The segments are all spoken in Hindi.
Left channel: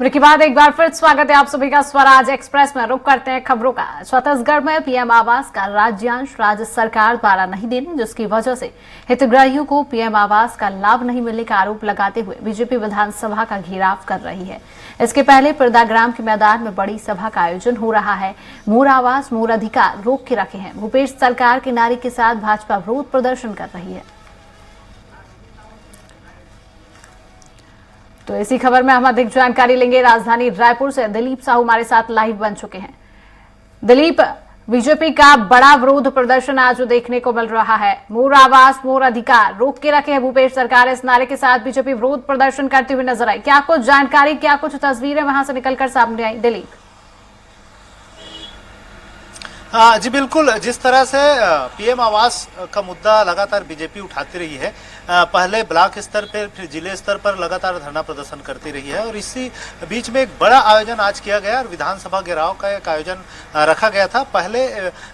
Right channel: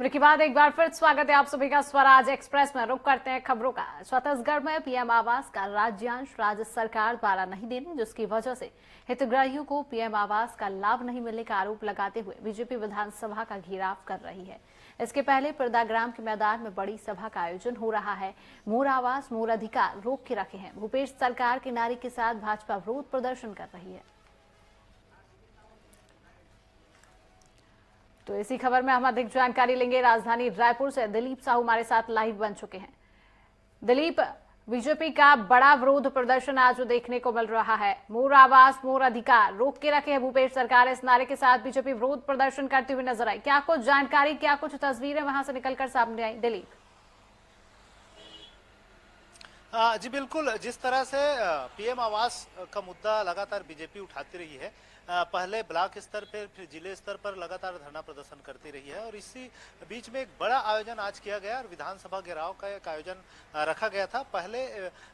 ब्रेक के बाद एक बार फिर स्वागत है आप सभी का स्वराज एक्सप्रेस में। रुक करते हैं खबरों का। छत्तीसगढ़ में पीएम आवास का राज्यांश राज्य सरकार द्वारा नहीं देने, जिसकी वजह से हितग्राहियों को पीएम आवास का लाभ नहीं मिलने का आरोप लगाते हुए बीजेपी विधानसभा का घेराव कर रही है। इसके पहले पिरदाग्राम के मैदान में बड़ी सभा का आयोजन हो रहा है। मोर आवास मोर अधिकार रोक के रखे हैं। भूपेश सरकार के नारे के साथ भाजपा विरोध प्रदर्शन कर रही है। तो इसी खबर में हम अधिक जानकारी लेंगे। राजधानी रायपुर से दिलीप साहू हमारे साथ लाइव बन चुके हैं। दिलीप, बीजेपी का बड़ा विरोध प्रदर्शन आज देखने को मिल रहा है। मोर आवास मोर अधिकार रोक के रखे हैं भूपेश सरकार, इस नारे के साथ बीजेपी विरोध प्रदर्शन करते हुए नजर आई। क्या कुछ जानकारी, क्या कुछ तस्वीरें वहां से निकलकर सामने आई दिलीप? जी बिल्कुल, जिस तरह से पीएम आवास का मुद्दा लगातार बीजेपी उठाती रही है, पहले ब्लॉक स्तर पर फिर जिले स्तर पर लगातार धरना प्रदर्शन करती रही है और इसी बीच में एक बड़ा आयोजन आज किया गया और विधानसभा घेराव का एक आयोजन रखा गया था। पहले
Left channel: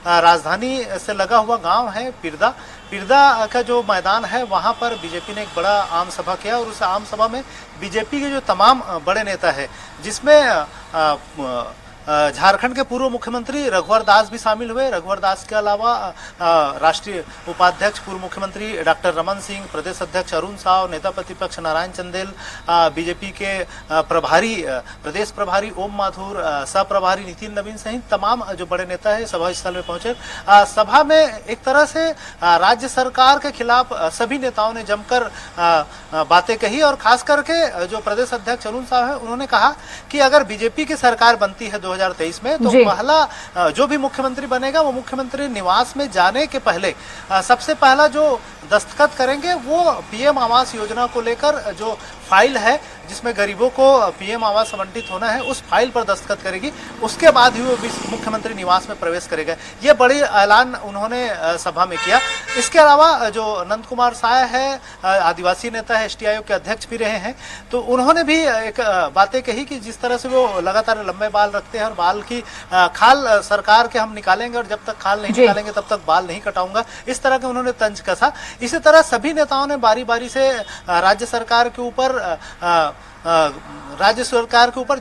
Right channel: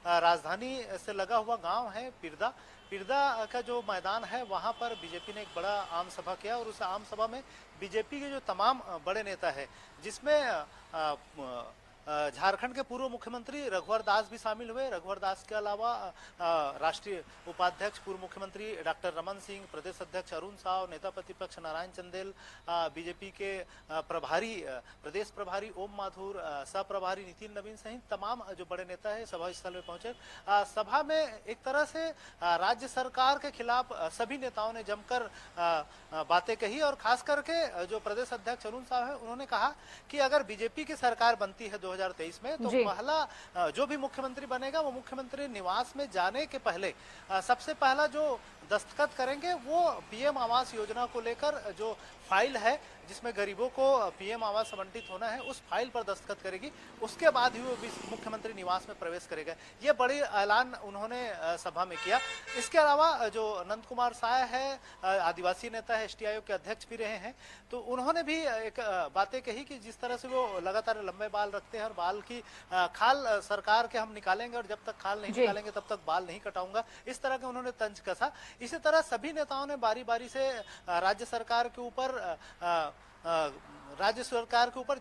राजधानी से लगा हुआ गांव है पिरदा का जो मैदान है वहां पर बीजेपी ने एक बड़ा आम सभा किया और उस आम सभा में बीजेपी के जो तमाम बड़े नेता है, जिसमें झारखंड के पूर्व मुख्यमंत्री रघुवर दास भी शामिल हुए। रघुवर दास के अलावा राष्ट्रीय उपाध्यक्ष पूर्व मुख्यमंत्री डॉक्टर रमन सिंह, प्रदेश अध्यक्ष अरुण साव, नेता प्रतिपक्ष नारायण चंदेल, बीजेपी के प्रदेश प्रभारी ओम माथुर, सह प्रभारी नितिन नवीन सहित तमाम जो बड़े नेता है सभा स्थल में पहुंचे। सभा में एक तरह से राज्य सरकार के खिलाफ सभी नेताओं ने जमकर बातें कही और खास करके जो प्रदेश अध्यक्ष अरुण साव है उन्होंने कहा कि अगर बीजेपी की सरकार बनती है 2023 में तो पहला जो भी मुख्यमंत्री बनेगा वो मुख्यमंत्री निवास में जाने के पहले सबसे पहला जो दस्तखत करेंगे वो पीएम आवास योजना को लेकर जो फाइल है जिसमें गरीबों को पीएम आवास आवंटित होना है उस फाइल पर दस्तखत करेगी, उसके बाद ही वो मुख्यमंत्री निवास में प्रवेश करेगा। ये बड़ी ऐलान उन्होंने सभा में किया। इसके अलावा जो नंद कुमार साय है, आदिवासी नेता है, एसटी आयोग के अध्यक्ष भी रहे हैं, तो उन्होंने भी एक बातें कही कि जिस तरह से वो लगातार लंबे बाल रखते हैं और बाल की खाल सरकार के हम निकालेंगे और जब तक खाल नहीं निकालेंगे तब तक बाल नहीं कटाऊंगा, इस तरह के उन्होंने तंज कसा। इसी तरह सभी नेताओं ने बारी बारी से राज्य सरकार के ऊपर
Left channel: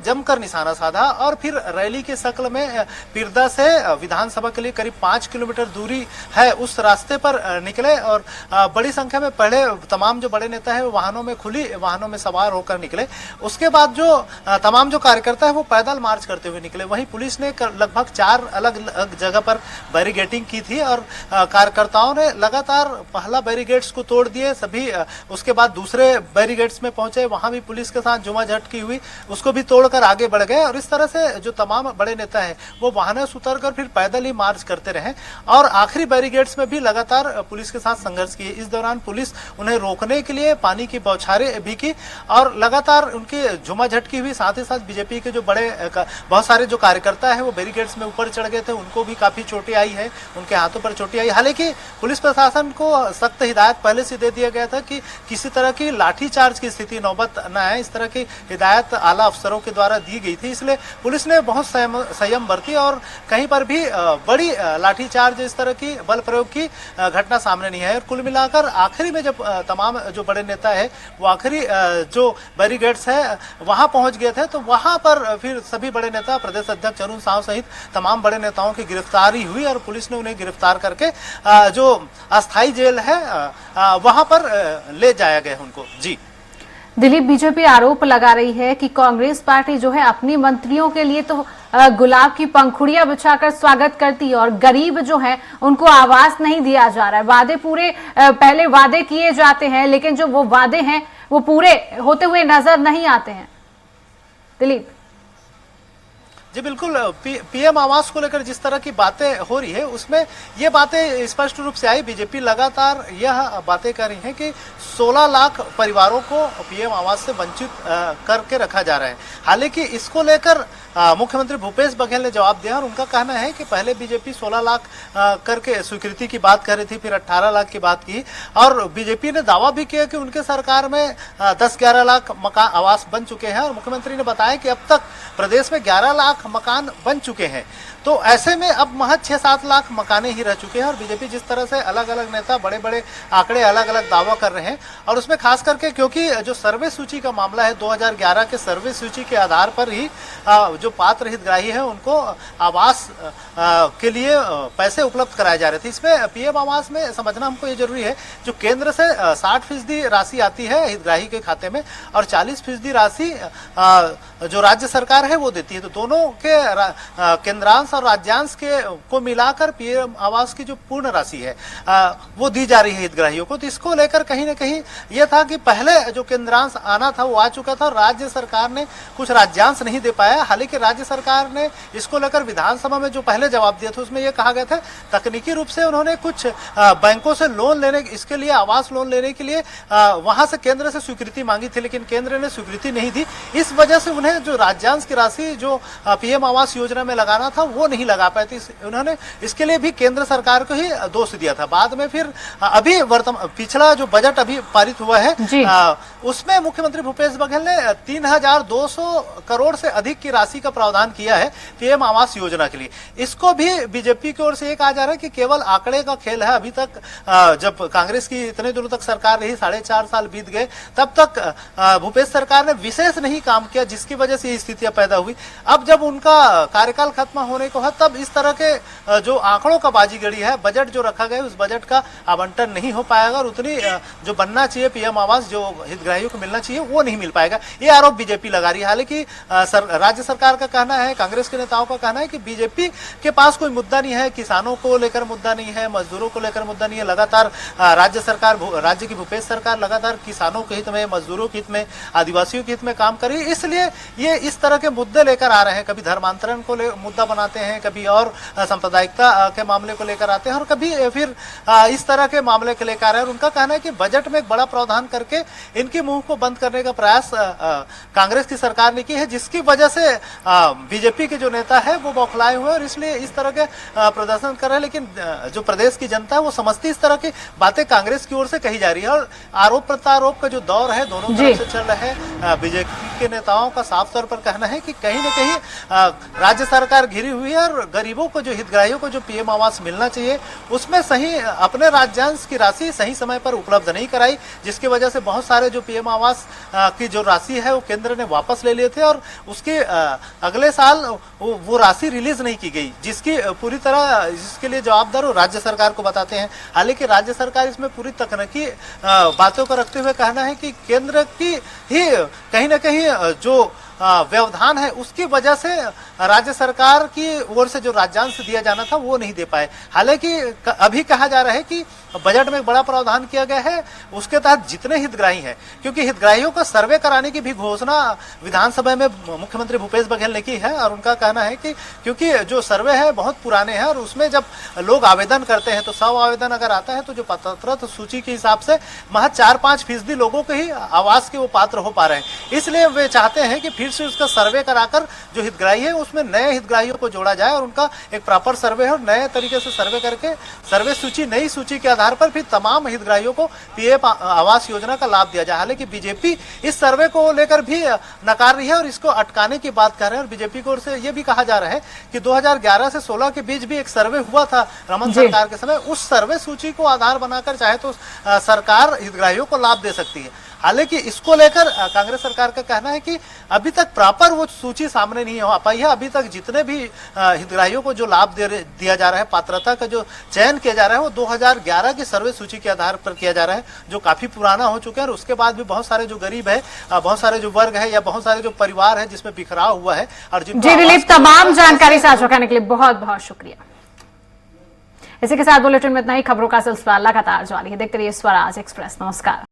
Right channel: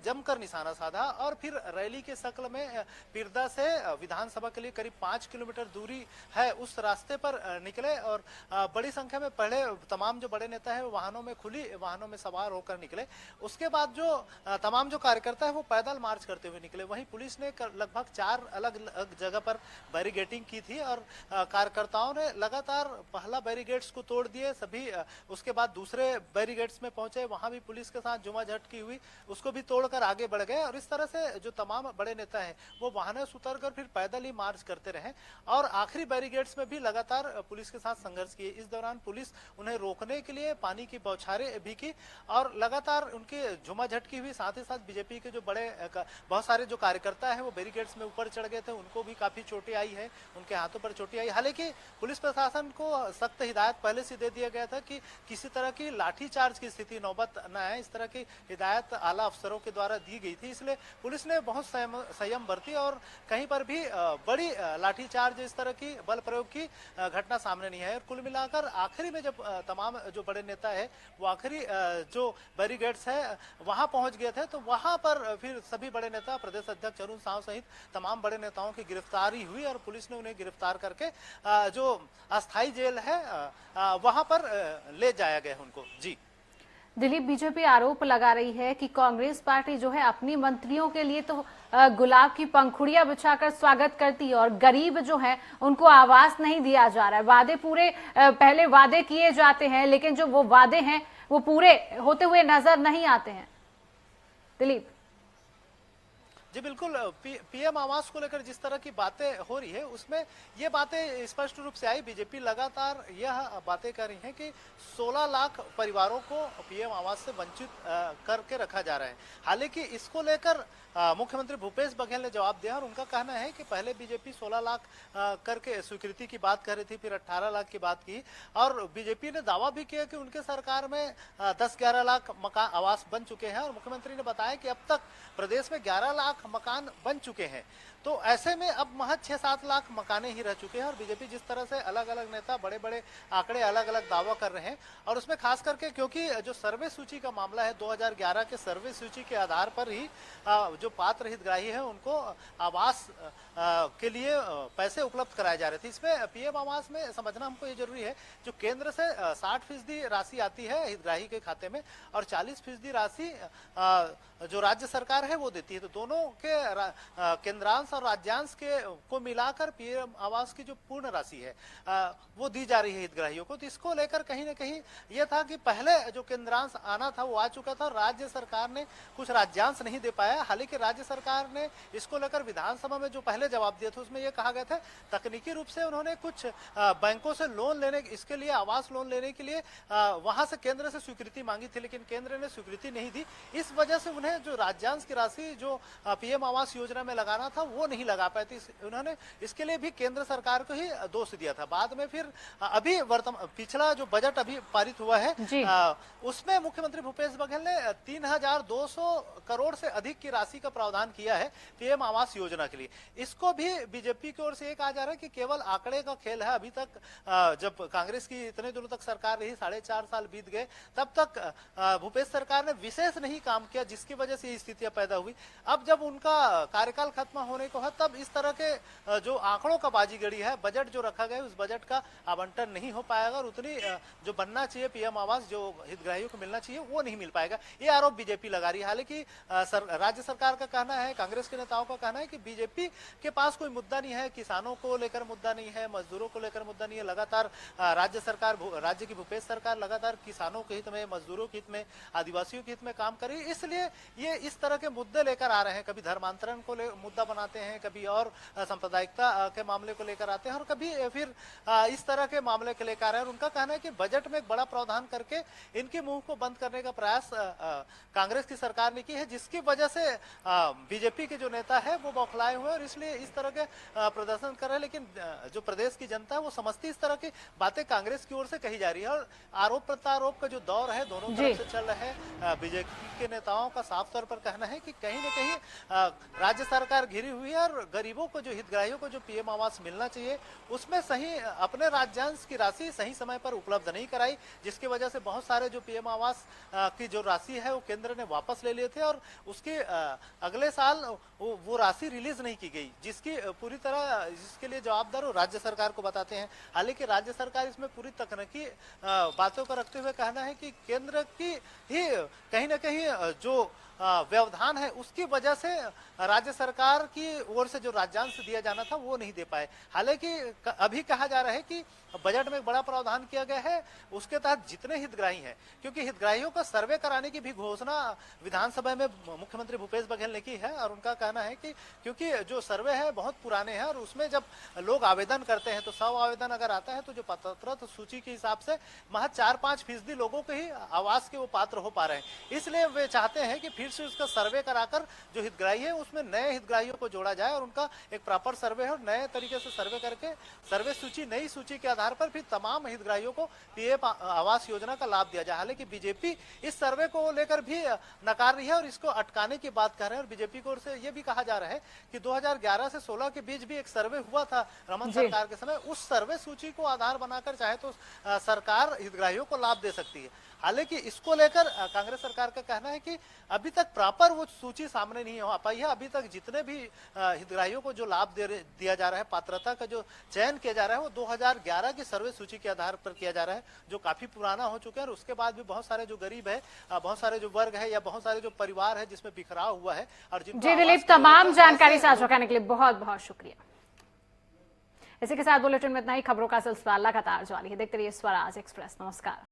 जमकर निशाना साधा और फिर रैली के शक्ल में पिरदा से विधानसभा के लिए करीब 5 किलोमीटर दूरी है उस रास्ते पर निकले और बड़ी संख्या में पहले तमाम जो बड़े नेता है वाहनों में खुली वाहनों में सवार होकर निकले। उसके बाद जो तमाम जो कार्यकर्ता है वो पैदल मार्च करते हुए निकले। वहीं पुलिस ने लगभग 4 अलग अलग जगह पर बैरिगेटिंग की थी और कार्यकर्ताओं ने लगातार पहला बैरिगेट्स को तोड़ दिए। सभी उसके बाद दूसरे बैरिगेट्स में पहुंचे, वहां भी पुलिस के साथ जुमाझटकी हुई, उसको भी तोड़कर आगे बढ़ गए और इस तरह से जो तमाम बड़े नेता हैं वो वाहनों से उतरकर फिर पैदल ही मार्च करते रहे और आखिरी बैरिगेड्स में भी लगातार पुलिस के साथ संघर्ष किए। इस दौरान पुलिस उन्हें रोकने के लिए पानी की बौछारें भी की और लगातार उनकी झुमाझटकी हुई। साथ ही साथ बीजेपी के जो बहुत सारे जो कार्यकर्ता है वो बैरिगेड्स में ऊपर चढ़ गए थे, उनको भी काफी चोटें आई है, उनके हाथों पर चोटें आई। हालांकि पुलिस प्रशासन को सख्त हिदायत पहले से दे दिया गया था कि किसी तरह की लाठीचार्ज की स्थिति नौबत न आए, इस तरह की हिदायत आला अफसरों के द्वारा दी गई थी। इसलिए पुलिस ने बहुत संयम बरती और कहीं पर भी बड़ी लाठीचार्ज इस तरह की बल प्रयोग की घटना सामने नहीं है। और कुल मिलाकर आखिरी में जब तमाम जो बड़े नेता है वो आखिरी जो बैरिगेड्स है वहां पहुंच गए थे तो वहां पर फिर सभी बड़े नेता प्रदेश अध्यक्ष अरुण साव सहित तमाम बड़े नेताओं की गिरफ्तारी हुई और पुलिस ने उन्हें गिरफ्तार करके जो अस्थायी जेल है वहां पर ले जाया गया उनको। जी दिलीप, बीजेपी आरोप लगा रही है कि कांग्रेस पार्टी जो है अपनी मंत्रियों के लिए तो गुलाब की पंखुड़ियां बिछाकर स्वागत करती है और गरीब जो है उनको आवास नहीं दिया जा रहा है। वादे पूरे पहले वादे किए जाते हैं लेकिन जो वो वादे हैं वो पूरे होते हुए नजर नहीं आते हैं। दिलीप जी बिल्कुल, पीएम आवास को लेकर जिस तरह की बातें हो रही है उसमें ये बातें स्पष्ट रूप से आई। बीजेपी लगातार यह बातें कर रही है कि 16 लाख परिवारों को पीएम आवास से वंचित करके रखा जा रहा है। हालांकि इसको लेकर मुख्यमंत्री भूपेश बघेल ने जवाब दिया और उनका कहना है कि पहले बीजेपी 16 लाख करके स्वीकृति की बात कर रही थी, फिर 18 लाख की बात की और बीजेपी ने दावा भी किया कि उनके सरकार में 10-11 लाख मकान आवास बन चुके हैं और मुख्यमंत्री ने बताया कि अब तक प्रदेश में 11 लाख लाख मकान बन चुके हैं। तो ऐसे में अब महज 6-7 लाख मकाने ही रह चुके हैं और बीजेपी जिस तरह से अलग अलग नेता बड़े बड़े आंकड़े अलग अलग दावा कर रहे हैं और उसमें खास करके क्योंकि जो सर्वे सूची का मामला है 2011 के सर्वे सूची के आधार पर ही जो पात्र हितग्राही है उनको आवास के लिए पैसे उपलब्ध कराए जा रहे थे। इसमें पीएम आवास में समझना हमको ये जरूरी है, जो केंद्र से 60% राशि आती है हितग्राही के खाते में और 40% राशि जो राज्य सरकार है वो देती है। तो दोनों के केंद्रांश और राज्यांश के को मिलाकर पीएम आवास की जो पूर्ण राशि है वो दी जा रही है हितग्राहियों को। तो इसको लेकर कहीं ना कहीं ये था कि पहले जो केंद्रांश आना था वो आ चुका था और राज्य सरकार ने कुछ राज्यांश नहीं दे पाया। हालांकि राज्य सरकार ने इसको लेकर विधानसभा में जो पहले जवाब दिया था उसमें यह कहा गया था तकनीकी रूप से उन्होंने कुछ बैंकों से लोन लेने, इसके लिए आवास लोन लेने के लिए वहां से केंद्र से स्वीकृति मांगी थी, लेकिन केंद्र ने स्वीकृति नहीं दी। इस वजह से उन्हें जो राज्यांश की राशि जो पीएम आवास योजना में लगाना था वो नहीं लगा पाए थे। उन्होंने इसके लिए भी केंद्र सरकार को ही दोष दिया था। बाद में फिर अभी पिछला जो बजट अभी पारित हुआ है उसमें मुख्यमंत्री भूपेश बघेल ने 3200 करोड़ से अधिक की राशि का प्रावधान किया है पीएम आवास योजना के लिए। इसको भी बीजेपी की ओर से ये कहा जा रहा है कि केवल आंकड़े का खेल है। अभी तक जब कांग्रेस की इतने दिनों तक सरकार रही, 4.5 साल बीत गए, तब तक भूपेश सरकार ने विशेष नहीं काम किया, जिसकी वजह से ये स्थितियां पैदा हुई। अब जब उनका कार्यकाल खत्म होने को है तब इस तरह के जो आंकड़ों का बाजीगरी है, बजट जो रखा गया उस बजट का आवंटन नहीं हो पाएगा और उतनी जो बनना चाहिए पीएम आवास जो हितग्राहियों को मिलना चाहिए वो नहीं मिल पाएगा। ये आरोप बीजेपी लगा रही है। हालांकि राज्य सरकार का कहना है, कांग्रेस के नेताओं का कहना है कि बीजेपी के पास कोई मुद्दा नहीं है, किसानों को लेकर मुद्दा नहीं है, मजदूरों को लेकर मुद्दा नहीं है। लगातार राज्य की भूपेश सरकार लगातार किसानों के हित में, मजदूरों के हित में, आदिवासियों के हित में काम कर रही है। इसलिए ये इस तरह के मुद्दे लेकर आ रहे हैं। कभी धर्मांतरण को मुद्दा बनाते हैं, कभी और सांप्रदायिकता के मामले को लेकर आते हैं और कभी फिर इस तरह के मामले को लेकर आ रहे हैं। और उनका कहना है कि बजट में एक बड़ा प्रावधान करके इनके मुंह को बंद करने का प्रयास कांग्रेस की सरकार ने की है, जिसकी वजह से बीजेपी के जो नेता है वो बौखलाए हुए और इसलिए इस तरह के प्रदर्शन कर रहे हैं। लेकिन जो प्रदेश की जनता है वो समझती इस तरह की बातें कांग्रेस की ओर से कही जा रही है और आरोप प्रत्यारोप का जो दौर है दोनों तरफ से चल रहा है। बीजेपी के नेताओं का साफ तौर पर कहना है कि कहीं न कहीं राज्य सरकार घिरी हुई है और गरीबों को, जो हितग्राहियों को जो पीएम आवास मिलना चाहिए उसमें सही अपने राज्यांश की राशि सही समय पर उपलब्ध नहीं कराई, जिसकी वजह से बहुत सारे जो पीएम आवास की जो राशि है वो केंद्र ने वापस ले लिए थे और उसके अगले साल वो राशि रिलीज नहीं की गई, जिसकी पूरी तरह जिसके लिए जवाबदार राज्य सरकार को बताते हैं। हालांकि राज्य सरकार इसमें पूरी तकनीकी बातों को रखते हुए कहना है कि केंद्र की ही कहीं ना कहीं जो व्यवधान है उसकी वजह से राज्य सरकार की ओर से जो राज्यांश दिया जाना था वो नहीं दे पाए। हालांकि अभी कहा जा रहा है कि बजट में एक बड़ा प्रावधान किया गया है, उसके तहत जितने हितग्राही हैं, क्योंकि हितग्राहियों का सर्वे कराने की भी घोषणा विधानसभा में मुख्यमंत्री भूपेश बघेल ने की है और उनका कहना है कि क्योंकि जो सर्वे है बहुत पुराने हैं और उसमें जब लोग आवेदन करते हैं तो 100 आवेदन अगर आता है तो जो पात्रता सूची के हिसाब से महज 4-5% लोगों के ही आवास के वो पात्र हो पा रहे हैं। इसलिए वे चाहते हैं कि फिर से उसका सर्वे कराकर जो हितग्राही है उसमें नए हितग्राहियों को जोड़ा जाए और उनका एक प्रॉपर सर्वे हो, नए तरीके से सर्वे करके सर्वे सूची, नई सूची के आधार पर फिर तमाम हितग्राहियों को पीएम आवास योजना का लाभ दिया जाए। हालांकि बीजेपी इस सर्वे को लेकर भी नकार रही है और इसको अटकाने की बात कर रहे हैं और बीजेपी की ओर से यह भी कहा जा रहा है कि 2011 से 16 के बीच भी एक सर्वे हुआ था रमन सरकार के समय, उस सर्वे सूची को आधार बनाकर चाहे तो सरकार हितग्राहियों को लाभ दे सकती है। हालांकि इसको लेकर कांग्रेस सरकार का कहना है कि अभी तक प्रॉपर वो सूची सामने नहीं हो पाई है। अभी तक जितने भी हितग्राहियों को जो लाभ दिया जा रहा है, पात्रता का जो चयन किया जा रहा है वो 2011 की सर्वे सूची के आधार पर किया जा रहा है, जो काफी पुराना हो चुका है। और उसके बाद भी बहुत सारे जो गरीब है, बहुत सारे जो वर्ग है या बहुत सारे जो परिवार है जिसमें बिखराव हुआ है और जी दिलीप, तमाम जानकारी साझा करने के लिए बहुत बहुत शुक्रिया। इसी के साथ बुलेटिन में इतना ही। खबरों का सिलसिला लगातार जारी है, देखते रहिए स्वराज एक्सप्रेस। नमस्कार।